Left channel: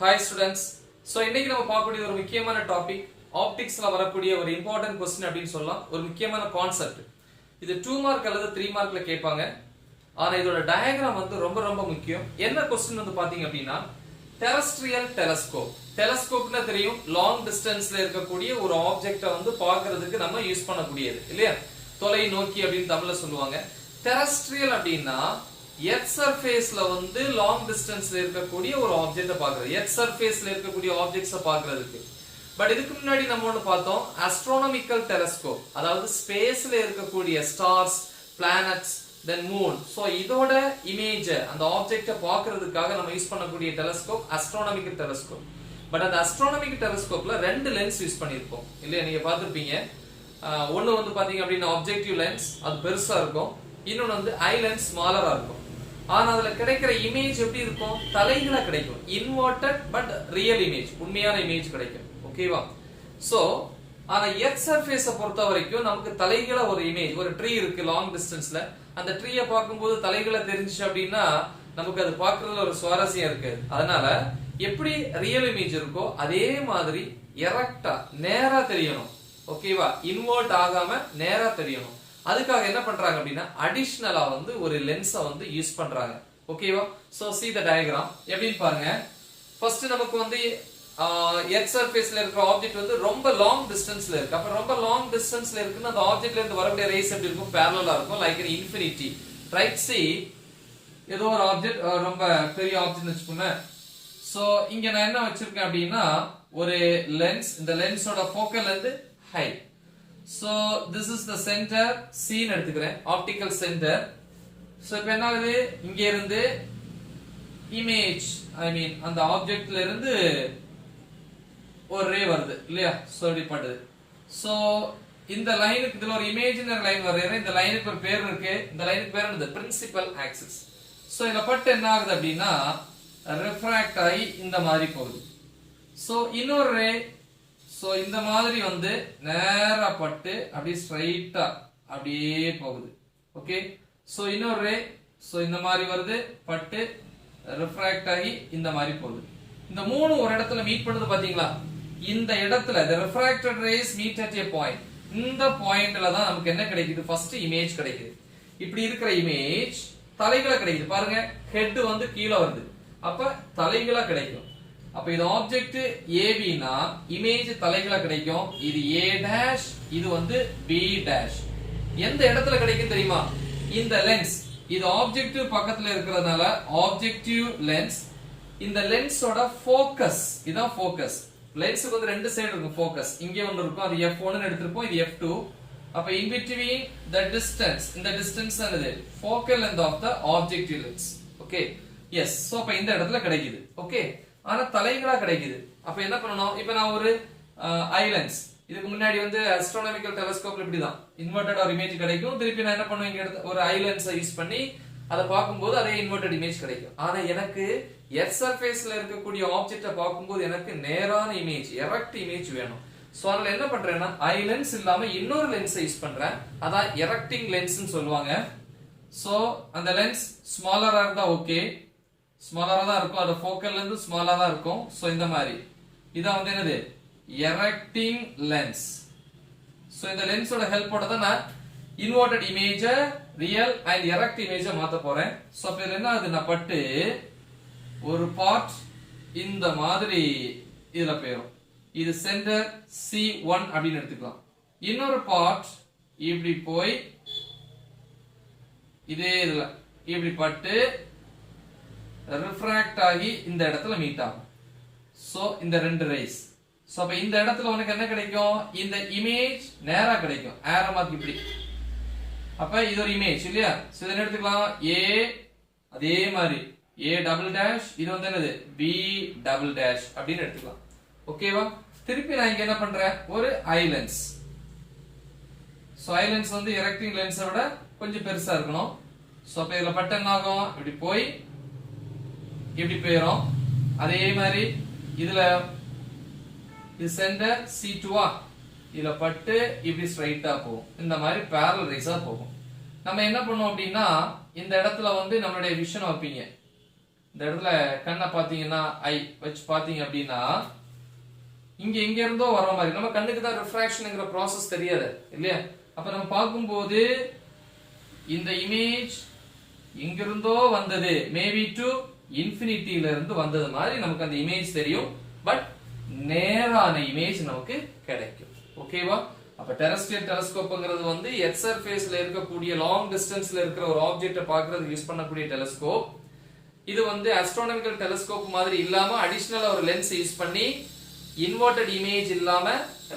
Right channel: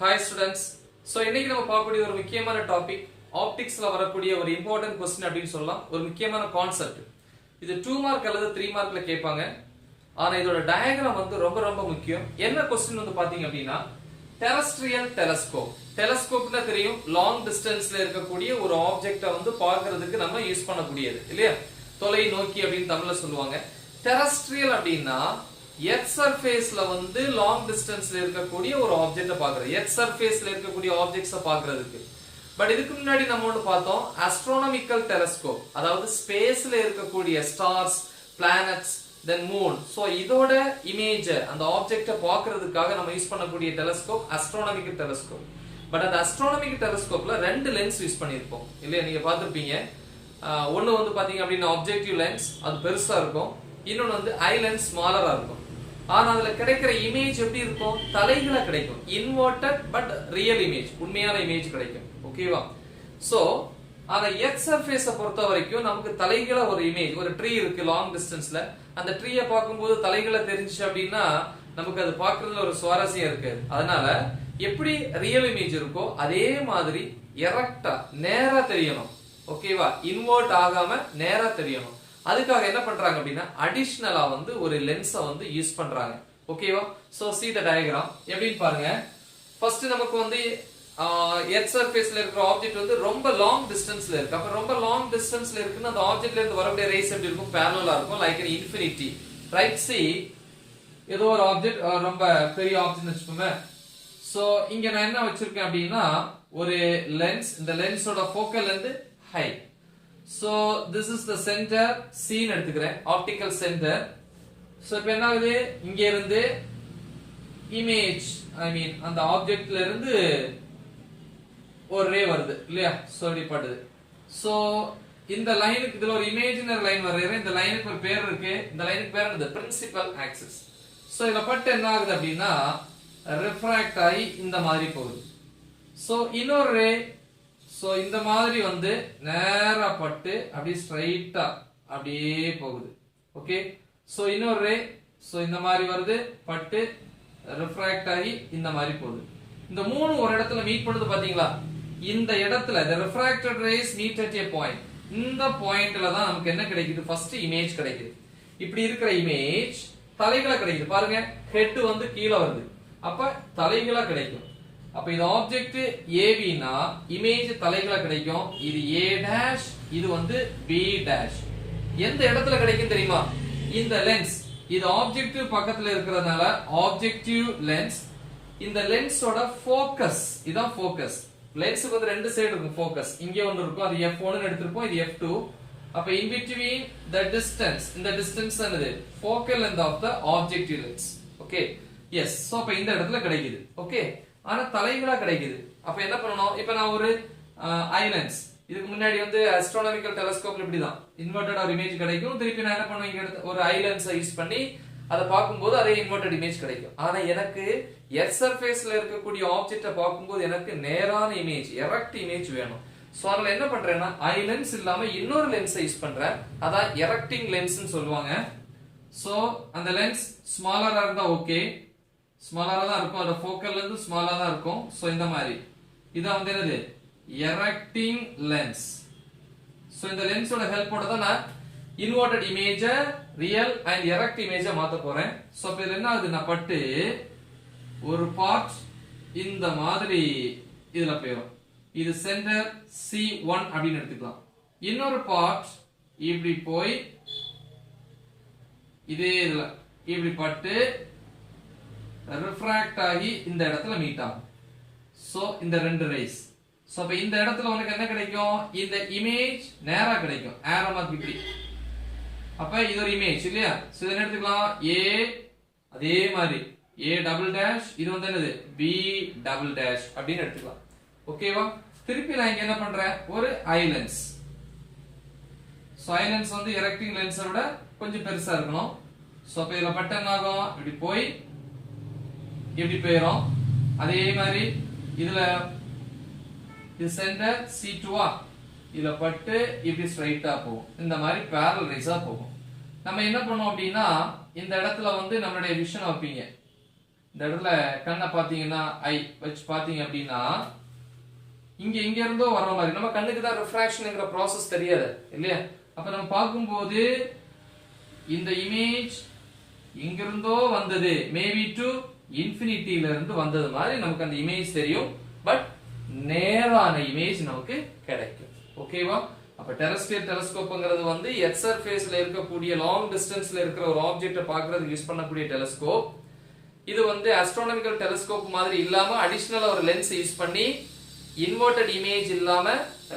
Hi students. So இன்னைக்கு நம்ம பார்க்கக்கூடிய ஒரு முக்கியமான டாபிக் ஆப்டிக்ஸ்ல வரக்கூடிய ஒரு இம்பார்ட்டன்ட் क्वेश्चन அப்படினு சொல்லலாம். ஒரு முக்கியமான கான்செப்ட். இது 2 மார்க் அல்லது 3 மார்க்ல கேட்பாங்க. ஆனா இதோட டயகிராம் வந்து ரொம்ப முக்கியம். என்ன क्वेश्चन வந்து பாத்தீங்க அப்படினா டெரஸ்ட்ரியல் டெலஸ்கோப். டெலஸ்கோப்னா தெரியும் லாங் டிஸ்டன்ஸ்ல இருக்கக்கூடிய ஒரு ஆப்ஜெக்ட்ட வந்து பார்க்கிறதுக்கு நம்ம யூஸ் பண்ணக்கூடியது இல்லையா? தொலைநோக்கி அப்படினு தமிழ்ல சொல்லுவாங்க. டெரஸ்ட்ரியல் அப்படினா எர்த் சர்ஃபேஸ்ல வந்து லாங் டிஸ்டன்ஸ்ல இருக்கக்கூடிய ஒரு ஆப்ஜெக்ட்ட பார்க்கிறது. எர்த் சர்ஃபேஸ்ல இருக்கக்கூடிய ஆப்ஜெக்ட்ஸ பார்க்கிறதுக்கு. பட் இதுக்கு முன்னாடி நம்ம ஒன்னு பார்த்தோம் ஆஸ்ட்ரோனாமிக்கல் டெலஸ்கோப். அதாவது ஸ்பேஸ்ல இருக்கக்கூடிய ஸ்டார்ஸ், பிளானட்ஸ், தென் மூன். சோ இதோட இமேஜ் அந்த ஆப்ஜெக்ட்ட பார்க்கிறதுக்காக நம்ம யூஸ் பண்ணக்கூடிய டெலஸ்கோப் ஆஸ்ட்ரோனாமிக்கல் டெலஸ்கோப். பட் அந்த ஆஸ்ட்ரோனாமிக்கல் டெலஸ்கோப்ல ரெண்டு லென்ஸ் யூஸ் பண்ணிருப்போம் இல்லையா? நீங்க பார்த்திருப்பீங்க. ஒன்னு வந்து பாத்தீங்க அப்படின்னா ஆப்ஜெக்டிவ் லென்ஸ், அது பெருசா இருக்கும். இன்னொன்னு வந்து ஐ லென்ஸ் ஸ்மாலரா இருக்கும். ஆனா அதுல கிடைக்கிற இமேஜ் எப்படி இருக்கும்? தலைகளா கிடைக்கும். இன்வெர்ட்டட் பட் ரியல் இமேஜ், உண்மையான இமேஜ் கிடைக்கும். ஓகேவா? சோ ஆனா எர்த் சர்ஃபேஸ பொறுத்த வரைக்கும் நமக்கு தலைகளா ஒரு இமேஜ், ஒரு ட்ரீ இருக்கு லாங் டிஸ்டன்ஸ்ல. அந்த ட்ரீயை பார்க்கும்போது தலைகளை தெரிஞ்சுச்சு அப்படின்னா நமக்கு அது பார்க்கறதுல ஒரு சுவாரஸ்யம் இருக்கு. அதனால எப்படி ரியல் இமேஜ் இருக்கோ அதே மாதிரி எரக்டா நேரா தெரியணும். ஓகேவா? இன்வெர்ட் ஆகாம நேரா தெரியணும். அதுக்காக என்ன பண்றாங்க அப்படின்னா அடிஷனலா வந்து ஒரு லென்ஸை வந்து யூஸ் பண்றாங்க. ஓகேவா? So see the diagram. எப்படின்னு பாருங்க. ஃபர்ஸ்ட் நமக்கு வந்து எர்த் சர்ஃபேஸ்ல இருக்கிற ஆப்ஜெக்ட் வந்து ரொம்ப லாங் டிஸ்டன்ஸ்ல இருக்கு. அப்ப ரொம்ப லாங் டிஸ்டன்ஸ்ல இருக்குன்னா அந்த ஆப்ஜெக்ட்ல இருந்து வரக்கூடிய ரேஸ் எப்படி இருக்கும்? parallel-ஆ இருக்கும், like an infinity. Right? see ஏதோ ஒரு ஆப்ஜெக்ட் ரொம்ப பெரிய ஆப்ஜெக்ட் வெச்சுக்கோங்க. சோ இங்க நான் என்ன வச்சிருக்கேன் அப்படின்னா ஒரு லென்ஸ். இந்த லென்ஸோட ஃபோக்கல் லெந்த் ஹை. So this is the center C ன்னு எடுத்துக்கிறேன், optical center. So இப்போ என்ன ஆகுது? இங்க இருந்து இமேஜ், ஐ மீன் அந்த ஆப்ஜெக்ட்ல இருந்து ஒரு ரே வருது இல்லையா? சோ இப்படி படுது. சோ இந்த லைனுக்கு இதுல ஒரு இமேஜினரி லைன் வரையறேன். இந்த லைனுக்கு ஒரு பேர் இருக்கு. இந்த லைனுக்கு பேர் என்னது? Principal axis. சோ இத பட்டு என்ன ஆகுது அப்படின்னா ரிஃப்ராக்ட் ஆகி இந்த மாதிரி போகுது. சோ இன்னொரு ரே சோ இந்த மாதிரி வந்து நேரா பட்டு அப்படியே ஸ்ட்ரைட்டா அப்படியே போகுது. ஓகே? சோ இன்னொரு ரே சோ இந்த மாதிரி வருது, பட்டு ரிஃப்ராக்ட் ஆகி இந்த மாதிரி போகுது. இந்த மூணு ஒரு இடத்துல மீட் பண்ணுது பாத்தீங்களா? இந்த இடத்துல the refracted rays meet at a point. இந்த பாயிண்ட்ல தான் நமக்கு என்ன கிடைக்குது? ஃபர்ஸ்ட் இமேஜ் கிடைக்குது. இப்படி இருக்கிற இமேஜ் தலைகளா கிடைக்குது. பாருங்க, ஹெட் வந்து கீழே வருது. அப்ப தலைகளா கிடைக்கும். அப்ப இது ஆப்ஜெக்ட் AB னா இமேஜ் தலைகளா கிடைக்கும். இது A டாஷ், இது வந்து B டாஷ். எந்த இடத்துல கிடைக்கும் தெரியுமா? இந்த லென்ஸ். இது ஆப்ஜெக்டிவ் பக்கத்துல இருக்கிறதுனால ஆப்ஜெக்டிவ் லென்ஸ். இந்த லென்ஸோட ஃபோக்கஸ், இதான் ஃபோக்கஸ். லென்ஸுக்கு வந்து ரெண்டு சைடு இருக்கும் ஃபோக்கஸ். இங்க ஒன்னு இருக்கும், அது F1 ன்னு எடுத்துப்போம், இது F2. அப்ப in between the distance, இந்த டிஸ்டன்ஸ் என்னது? Focal length of the objective lens. Okay? Yes. So அப்ப இந்த இடத்துல கிடைக்குது. ஓகே? ஆனா தலைகளா கிடைக்குது. அப்ப என்ன பண்ணணும்? இப்ப நான் ஒரு ஐ லென்ஸ், இதுக்கு முன்னாடி வந்து ஆஸ்ட்ரோனாமிக்கல் டெலஸ்கோப்ல இப்படிதான் இன்வெர்ட்டட் ஒரு இமேஜ் கிடைக்கும். திருப்பி நான் என்ன பண்ணுவேன்? இங்க எடுத்து ஒரு ஐ லென்ஸை யூஸ் பண்ணி அதை பார்க்கும்போது அதே இன்வெர்ட்டட் இமேஜ் கிடைக்கும். ஆனா எனக்கு எர்த் சர்ஃபேஸ்ல இருக்கக்கூடிய ஆப்ஜெக்ட்டை பார்க்கும்போது எனக்கு நேரான இமேஜ், எரக்ட் இமேஜ் வேணும். சோ அதனால என்ன பண்றேன்னா ஐ லென்ஸ் இல்லாம இன்னொரு லென்ஸை யூஸ் பண்றேன். அதான் எரக்டிங் லென்ஸ்னு சொல்லுவாங்க. சோ அந்த லென்ஸ் ஸ்மாலரா இருந்தா ஓகே, ஸ்மாலரா தான் இருக்கும். அது ஃபோக்கல்ல இருந்து ஸ்மாலரா தான் இருக்கும். சோ இந்த மாதிரி இதான் வந்து என்னது? எரக்டிங் லென்ஸ். சோ இந்த லென்ஸோட ஹெல்ப்போட தான் நான் இன்வெர்ட்டட் இமேஜ ரியல் அண்ட் எரக்ட் இமேஜ மாத்த போறேன். சோ இப்ப என்ன ஆகுது? நான் பட்டு ஒரு பார்ட் இந்த மாதிரி இதுல போயிடும். இது சென்டர் C1 அப்படின்னு எடுத்துக்கலாம். இன்னொரு பார்ட் இப்படி போய் இதே இதுல இப்படி பட்டு ரிஃப்ராக்ட் ஆகி இந்த இடத்துல மீட் ஆகும். சோ இந்த ரெண்டு ரேஸ். சோ அப்ப இந்த இடத்துல உனக்கு என்ன கிடைக்கும்? இந்த இமேஜ் நேரா கிடைக்கும். ஆரோ மாதிரி இப்படி. அப்ப இது ஒரு இமேஜ் இல்லையா? சோ இத எடுத்துக்கலாம் A, அதே மாதிரி A டபுள் டாஷ், இது வந்து என்னது? B டபுள் டாஷ் அப்படின்னு எடுத்துக்கலாம். ஓகேவா? திருப்பி நான் இங்க என்ன பண்றேன்? ஒரு ஐ லென்ஸ். சோ ஐ லென்ஸ் வந்து எரக்டிங் லென்ஸை விட கொஞ்சம் பெருசா இருக்கணும். சோ அப்ப இதுல பட்டு என்ன ஆகும்? இப்படி போய் இப்படி போயிரும். அதே மாதிரி இதுல இது சென்டர் C2 இதுல பட்டு இப்படி ஸ்ட்ரைட்டா போகும். இந்த மாதிரி parallel rays போகும். நம்ம என்ன பண்ணுவோம் அப்படின்னா இந்த இடத்துல வந்து நம்மளுடைய விஷன் வைப்பீங்க. இந்த இடத்துல கண்ணை பாத்தீங்கன்னா ஐ வச்சு பாத்தீங்க அப்படின்னா இங்க இருந்தோ வர மாதிரி நம்ம கண்ணுக்கு தான் ரிஃப்ராக்ஷன்ங்கிற ப்ராசஸ் தெரியாது இல்லையா? அப்ப நம்ம பார்க்கும்போது இந்த இமேஜ் இங்க இருந்தோ வந்தது, மேபி டு இன்ஃபினிட்டில இருந்து வந்தது மாதிரி நமக்கு அந்த இமேஜ் தெரியும். பட் நேரான இமேஜ் நமக்கு கிடைக்கும். ஓகேவா? அப்ப டெரஸ்ட்ரியல் டெலஸ்கோப்ங்கிறது வந்து எர்த் சர்ஃபேஸ்ல இருக்கக்கூடிய லாங் டிஸ்டன்ஸ்ல இருக்கிற ஒரு ஆப்ஜெக்ட்டை பார்க்கிறதுக்கு யூஸ் பண்ணக்கூடிய டெலஸ்கோப். இது வந்து ஆஸ்ட்ரோனாமிக்கல் டெலஸ்கோப் மாதிரி இல்லாம அடிஷனலா ஒரு லென்ஸ் யூஸ் பண்ணி இன்வெர்டட் இமேஜ் இல்லாம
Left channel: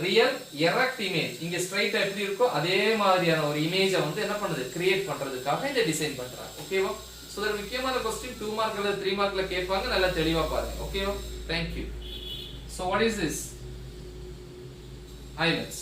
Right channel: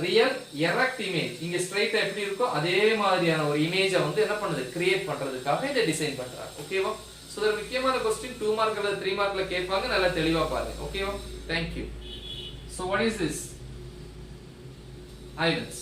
ரியல் எரெக்ட் இமேஜ் இங்க ஸ்ட்ரைட்டா எப்படி இருக்கோ அதே மாதிரியான ஒரு இமேஜை வந்து என்ன பண்ணுது, கிரியேட் பண்றதுக்காக இதை டிசைன் பண்றாங்க. ஓகேவா? சோ இது முக்கியமான क्वेश्चन 2 மார்க் அல்லது 3 மார்க்ல கேட்பாங்க. நல்லா தெளிவா பாருங்க. ஓகேவா? Thank you. So what is this? Islands.